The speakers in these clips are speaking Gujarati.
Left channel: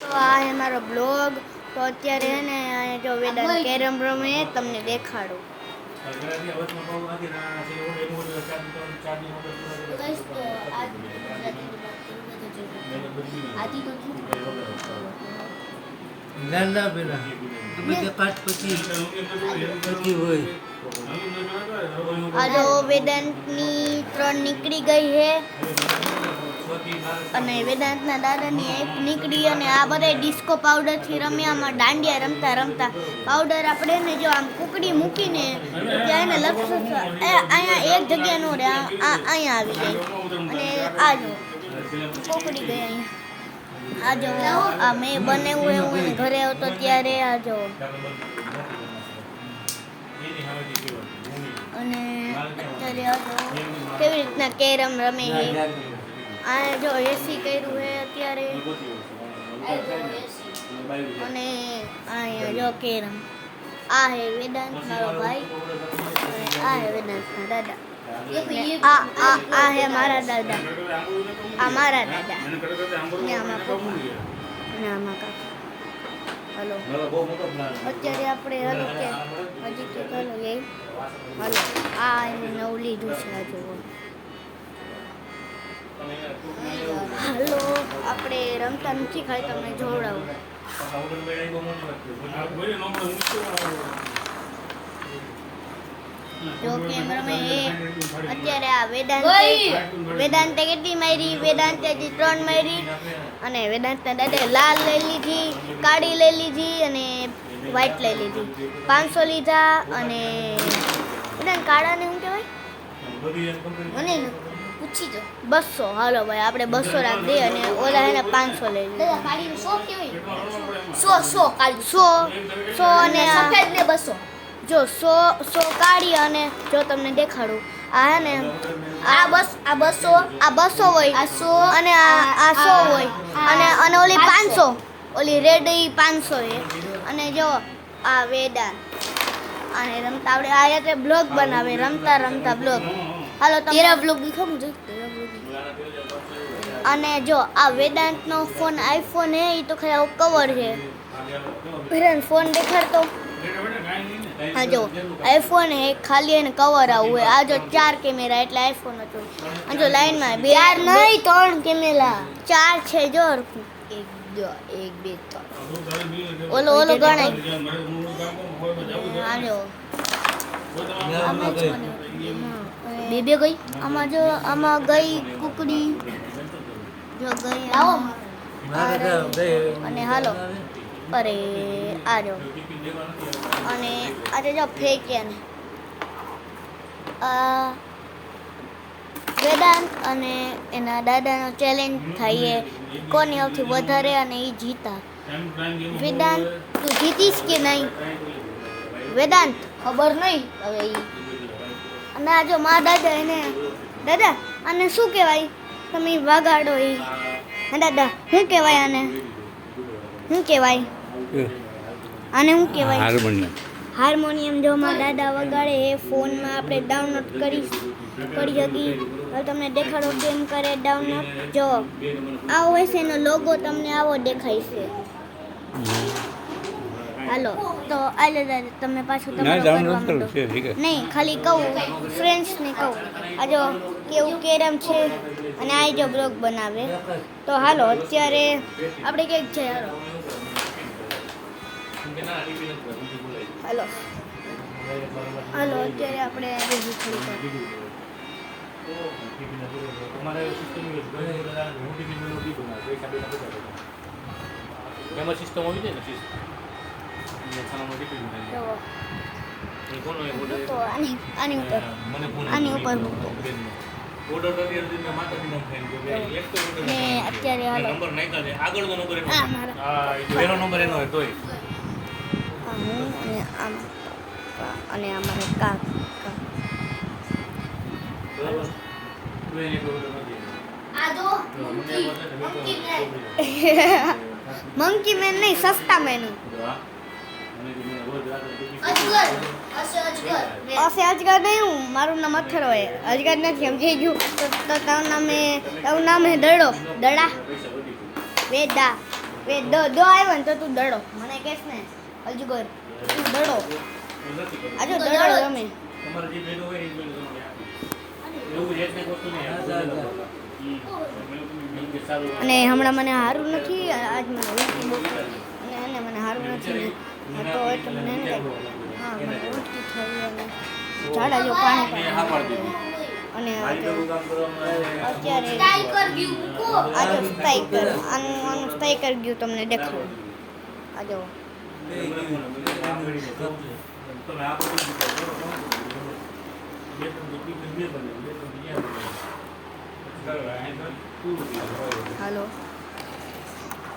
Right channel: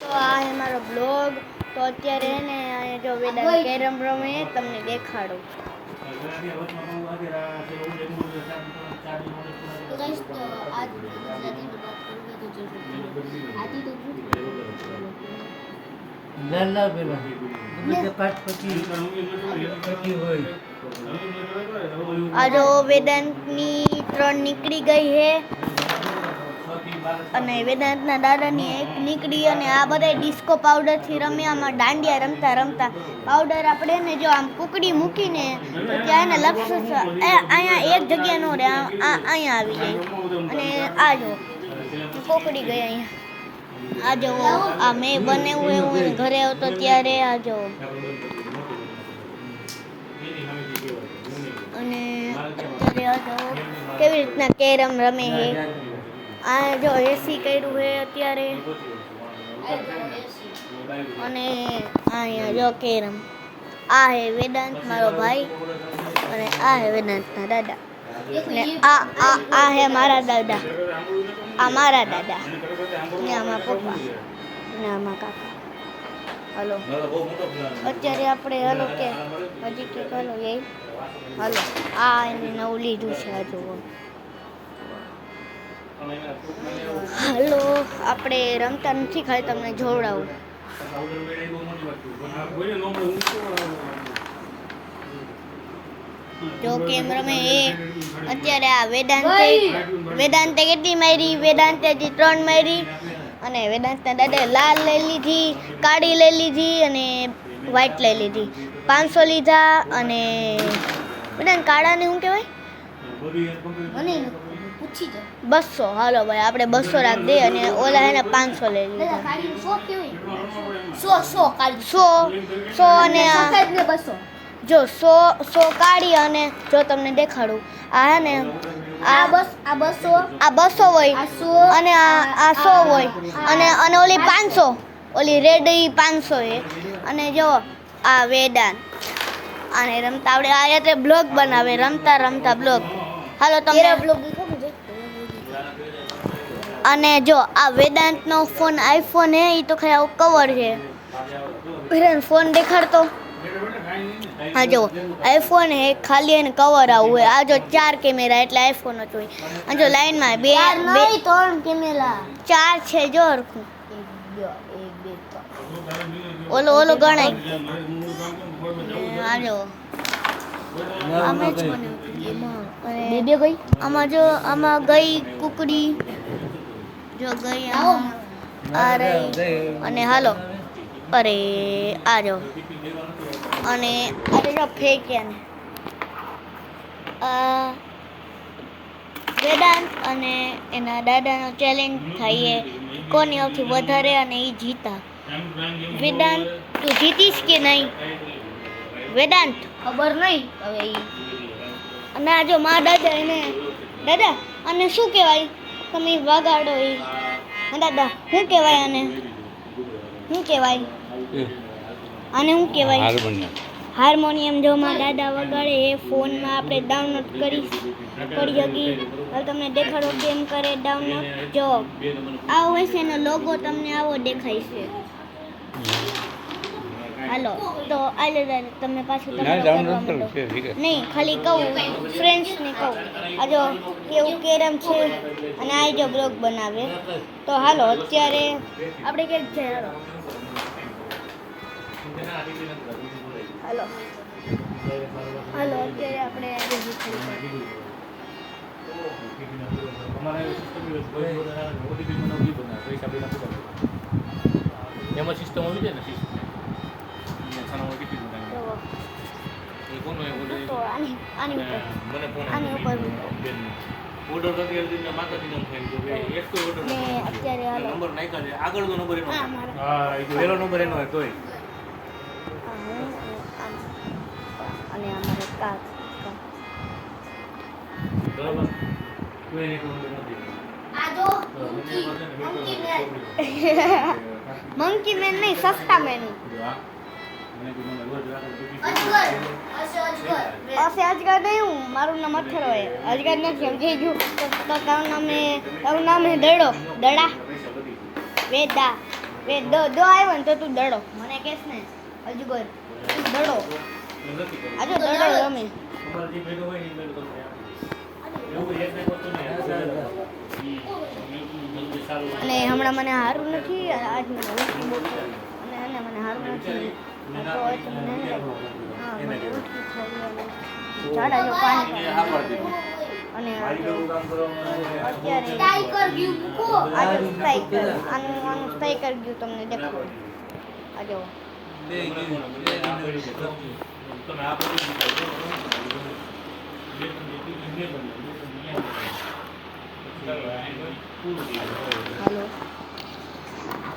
તો આ હે મારો બ્લોગ. તો અત્યારે હે ને જો વેદાંત કેરમ રમે તમને દેખાડું. આ જો વેદાંતની 3 નીકળી ગઈ હે અને વેદાંતના દાદાની એક નીકળી. અને આ બધા ડિસ્કો પાવડરથી રમ્યા. આમાં દાંડિયા રમતા રમતા પાવડર આપણે ને જો આમ કુકડી મૂકીને તો ત્યાં એને લક્ષ અહીંયા એક જગ્યા નો રહે, અહીંયા આવી જાય. અને આ જો કોકડી ગઈ અહીંયા. આ જો આ મેં બનાવ્યું એવું ઘરે આવતો ત્યારે આ જો. અને અત્યારે આ જો કેવી રીતના કેરમ રમે છે. આ જો એસી કર્યું છે અત્યારે. અને અહીંયા જો કેરમ. આ હે વેદાંત મારો ભાઈ અને આ હે વેદાંતના દાદા. આ હે મારા દાદા. આ મારા દાદા ને આમાં પપ્પા ને આમાં કાકા. હલો અત્યારે આપણે હલો કે હજી કે હલો એ હલો આ એને નવું લીધું છે. આ જુઓ હલો આપણે રમતા નથી, ખાલી તમને જોવડાવું. જો કેમ રમે એ. અત્યારે આ વેદાંતે કેટલી મારી? વેદાંતે 3 મારી. અને વેદાંતના દાદાએ લાલ લઈ લીધી, કાળી લઈ લીધી અને વ્હાઈટ લઈ લીધી. 500 લીધા. અને વેદાંત કાળાને શું કહેવાય મને પૂછી જો. 200. હાલો ભાઈ આપણે 200 રાખ દે. અને ઓલા એને 500 લઈ લીધા. 100 અને 200 જો 100 કાઢી. અને જો તમને દેખાડું આ હે ને આ 200 હોય અને આ 100 હોય. અને ઓલી 500 ઓલી રેડ 500 છે. અને જો આ વેદાંત આને રમતા આવડે. આ રીતે બ્લોગ બનાવે રમતા રમતા બ્લોગ. હાલો તમને બ્લોગ દેખાડું. અને જો આ વેદાંતનો ફોન આઈફોન હે. એ તો ખરા કવર છે. ફોન દેખાડતો. હા જો આઈફોન હે, ખાલી એને કવર આવું હોય. આ જો 4 કેમેરા એટલે આઈફોન જ હોય. આ જો લાઈનમાં 3 કેમેરા 4 છે. જો 1 2 3 ઓલો ગણાય. આ જો બે ગઈ. આમાં જો આમાં ગઈ કુકડી જો ગઈ. અને હાલો અરે આ જો. અને આજે જો ફેંક્યા ને વેદાંત અને એના દાદાનો ચેલેન્જ થાય છે કોની સૌથી વધારે અને એ જીતા. વેદાંત તું જીતીશ કે નહીં? વેદાંત ખબર નહીં હવે. અને આ જો મારા દાદા એને દાદા આને શું કહેવાય? તમે વગાડો એ દાદા. શું કહેવાય આને? શું કહેવાય આને? શું કહેવાય? હાર્મોનિયમ. જો મારા દાદા વગાડે એ ફોનમાં આપણે ડાઉનલોડ કરી શકી. હવે તમને દેખાડો કેમ કરે ડાઉનલોડ. જો આવો હશે એનો લોગો તમને આવો દેખાય છે. હાલો તો આલે દાદા તમને પાછું તમારું કરવા માંડો. નહીં ખાલી કહું ફ્રેન્ડ્સને કહું આ જો કેવું કેરમ છે. અને આ જો બ્લોગ બનાવે. તો હાલો અત્યારે આપણે ક્યાંક જાય. હાલો હાલો અત્યારે આપણે આની ઉપર અત્યારે હાલો અને અમારે કાકા મંકી મેન નહીં, સસ્તા મેન. અજગર નહીં. હું મારું નામ અથર હોય. અજગર નથી સમજાઈ ગયું. તારું નામ હે દડો. દડા વેદા દો આવ્યો ને તો તું દડો મને કહેશ ને અજગર તું દડો આજો દડો તમે અને હમણાં મને સારું નથી આજ મને ઉલટી બહુ થઈ અને આને મને સારું નથી તો એટલે મને હા મને ઉલટી થઈ અને ઝાડા જો પાણી અને અત્યારે આજો સ્ટાઈકર આનું સ્ટાઈકર ગયું તમને દેખાડું આજો હાલો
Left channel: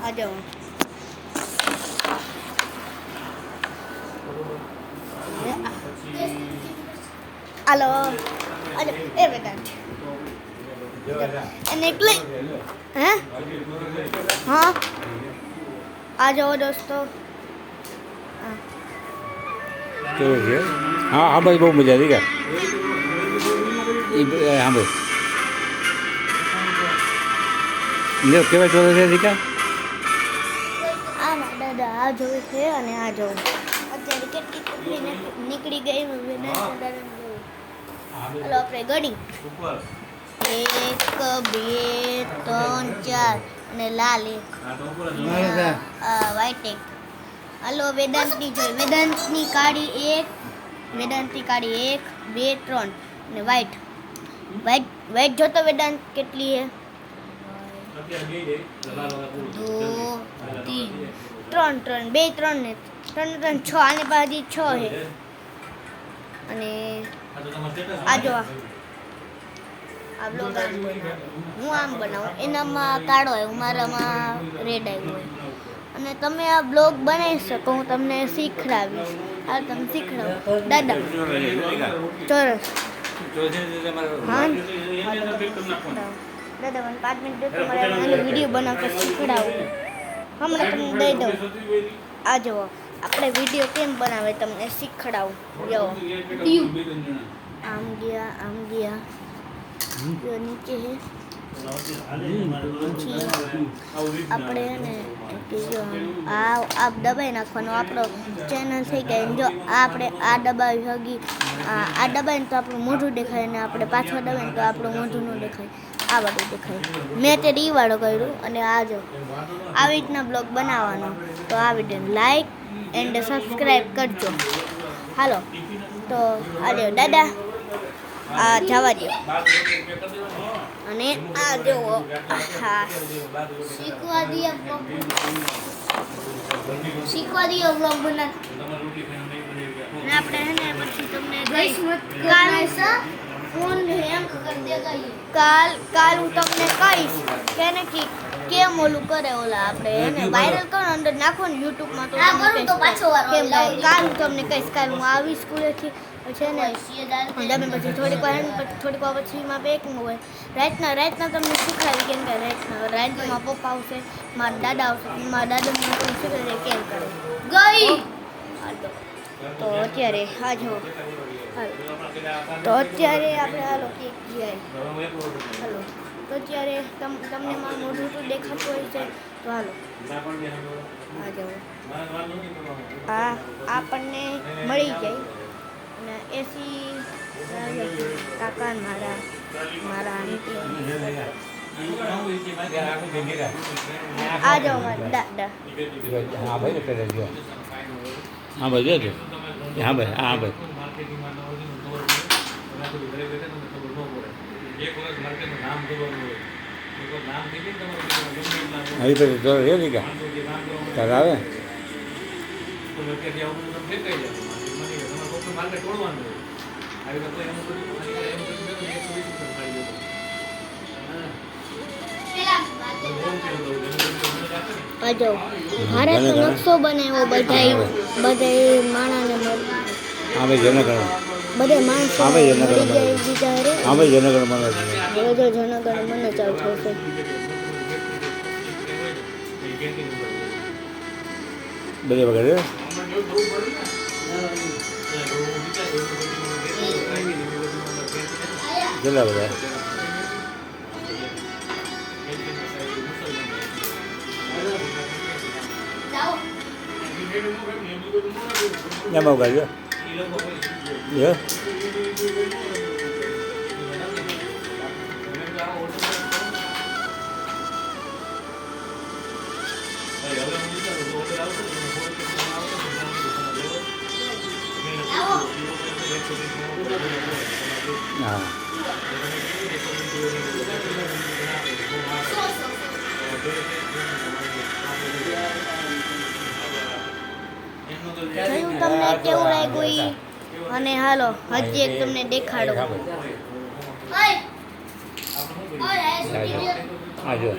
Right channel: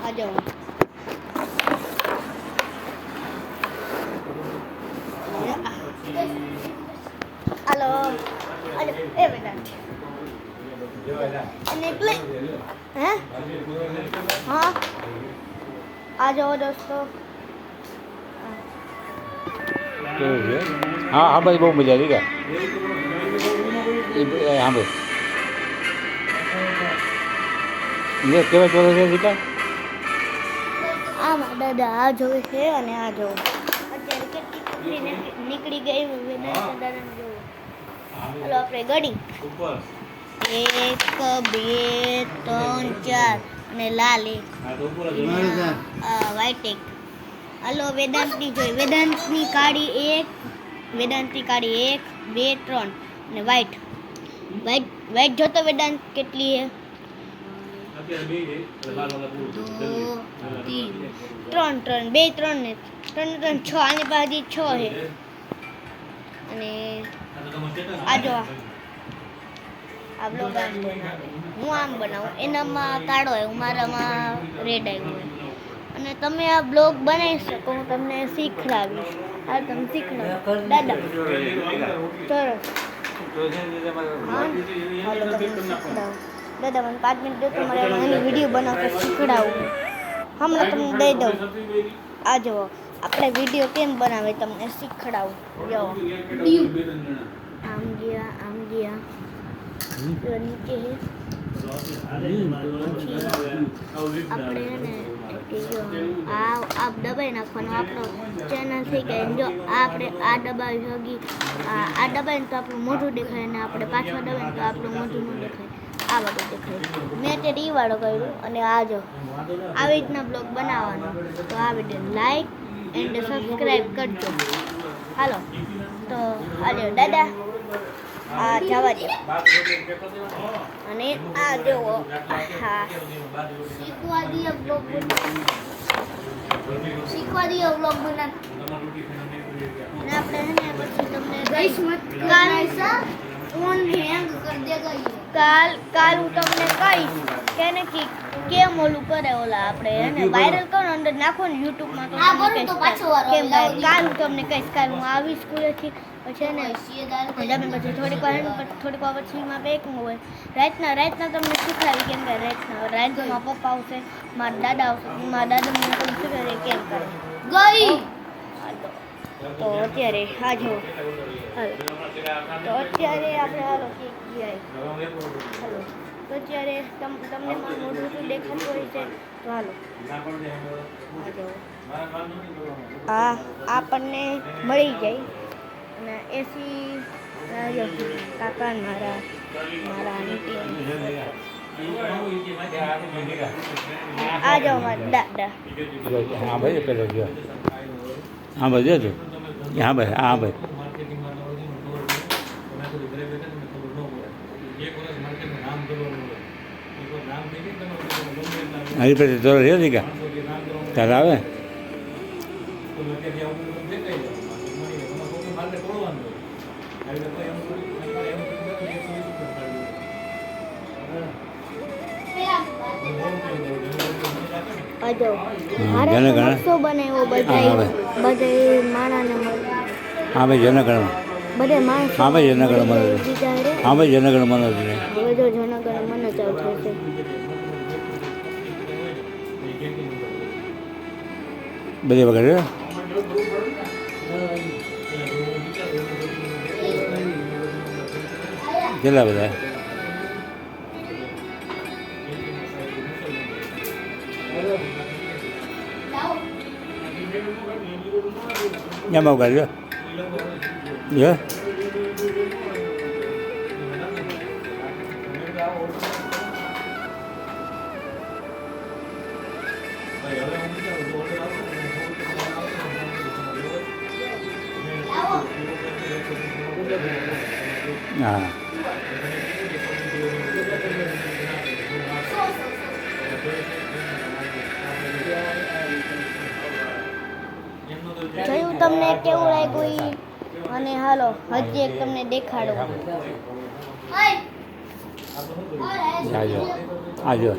આજો હાલો અરે એ બેટા અને એટલે હે હા આ જાઓ દોસ્તો કેવું છે હા હા ભાઈ બહુ મજા આવી ગયા હા ભાઈ કેવા ચોરે છે દીકા આ મારા દાદા આ જોવે છે અને આ જોવે અત્યારે કેટલી નીકળી ગઈ વેદાંત દાદા જોવું હાલો આપણે ગણી 1 2 3 4 અને લાલ એક વ્હાઈટ એક હાલો વેદાંતની જોઈ વેદાંતની કાળી એક વેદાંતની કાળી 1 2 3 અને વ્હાઈટ વ્હાઈટ જોતો વેદાંત કેટલી હે 3 2 3 ને 3 6 આની બાજુ 6 હે અને આ જો આ બ્લોગ હું આમ બનાવું એનામાં કાળો આવ્યો મારામાં રેડ આવ્યો હોય અને તમે આ બ્લોગ બનાવી શકો હું તમને શીખડાવીશ આ તમે શીખડાવો દાદા ચોરસ હા દાદા મને 5 મિનિટ દેતો મારે એનો વિડીયો બનાવતા શીખડાવું હમણાં તમને દઈ દઉં આ જુઓ આપણે વિડીયો કેમ બનાવે તમને શીખડાવું જુઓ આમ ગયા નીચે આપણે ને આ દબાઈ નાખવાનો આપણો ચેનલ થઈ ગઈ જો આપણે આ દબાવી હગી આ દબાઈને તો આપણું મોઢું દેખાય અને આપણે પાછળ દબાઈને તો આપણું મોઢું ન દેખાય આ બધું દેખાય મેં તે રીવાળો કર્યું અને આ જો આવી રીતના બ્લોગ બનાવવાનો તો આ વિડીયો લાઈક એન્ડ સબસ્ક્રાઈબ કરજો હાલો તો આજો દાદા આ જવા દો અને આ જુઓ હા શીખવા દઈએ બ્લોગ બના અને આપણે હે ને પછી તમને કાલ હું તમને કહીશ કે ને કેમ ઓલું કરે ઓલા આપણે એને વાયરલ કરો અંદર નાખો ને યુટ્યુબમાં તો કેમ કાલ હું તમને કહીશ કાલ હું આવી સ્કૂલેથી પછી ને તમે પછી થોડીક વાર પછી માં બેકિંગ હોય રાતના તમને શીખવાડી કેમ કરે રાતમાં પપ્પા આવશે મારા દાદા આવશે મારા દાદા મને તમને શીખવાડે કેમ કરે ગઈ તો અત્યારે આ જો તો અત્યારે આપણે હાલો કેક હાલો તો અત્યારે તમને મારું મોઢું તો દેખાતું હોય છે તો હાલો આ આપણને મળી જાય અને એસી કાકા મારા આંટી આ જાઓ મારા દાદા હા ભાઈ પેલો જો હા ભાઈ જોજો હા ભાઈ હા ભાઈ હજી પછી જોર રહ્યો દીકા તારે આવે આજો મારે તો નકશો બનાવ્યો બધાય માણાને મળી હા ભાઈ જનગણ બધા માણસો હા ભાઈ જનગણ બીજા રે હા ભાઈ જનગણ મને બધો જનગણ મને ચાલુ થશે બધે વગર કેટલા બધા nhà mobil ya ya nah જોયું તમને કેવું લાગ્યું ઈ? અને હાલો હજી એક તમને દેખાડું. આજો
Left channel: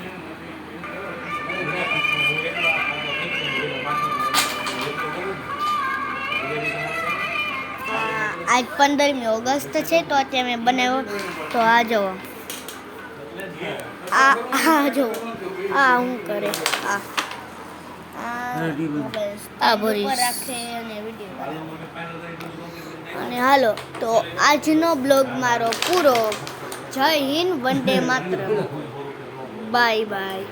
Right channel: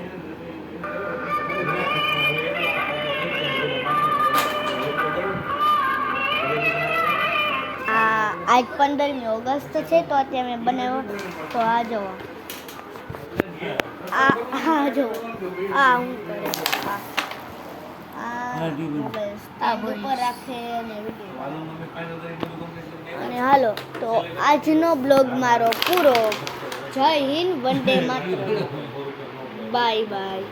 આજ 15મી ઓગસ્ટ છે તો અત્યારે મેં બનાવ્યો તો આ જુઓ આ જુઓ આ હું કરે આ મોબાઈલ ઉપર રાખે અને વિડીયો અને હાલો તો આજનો બ્લોગ મારો પૂરો. જય હિન્દ, વંદે માતરમ, બાય બાય.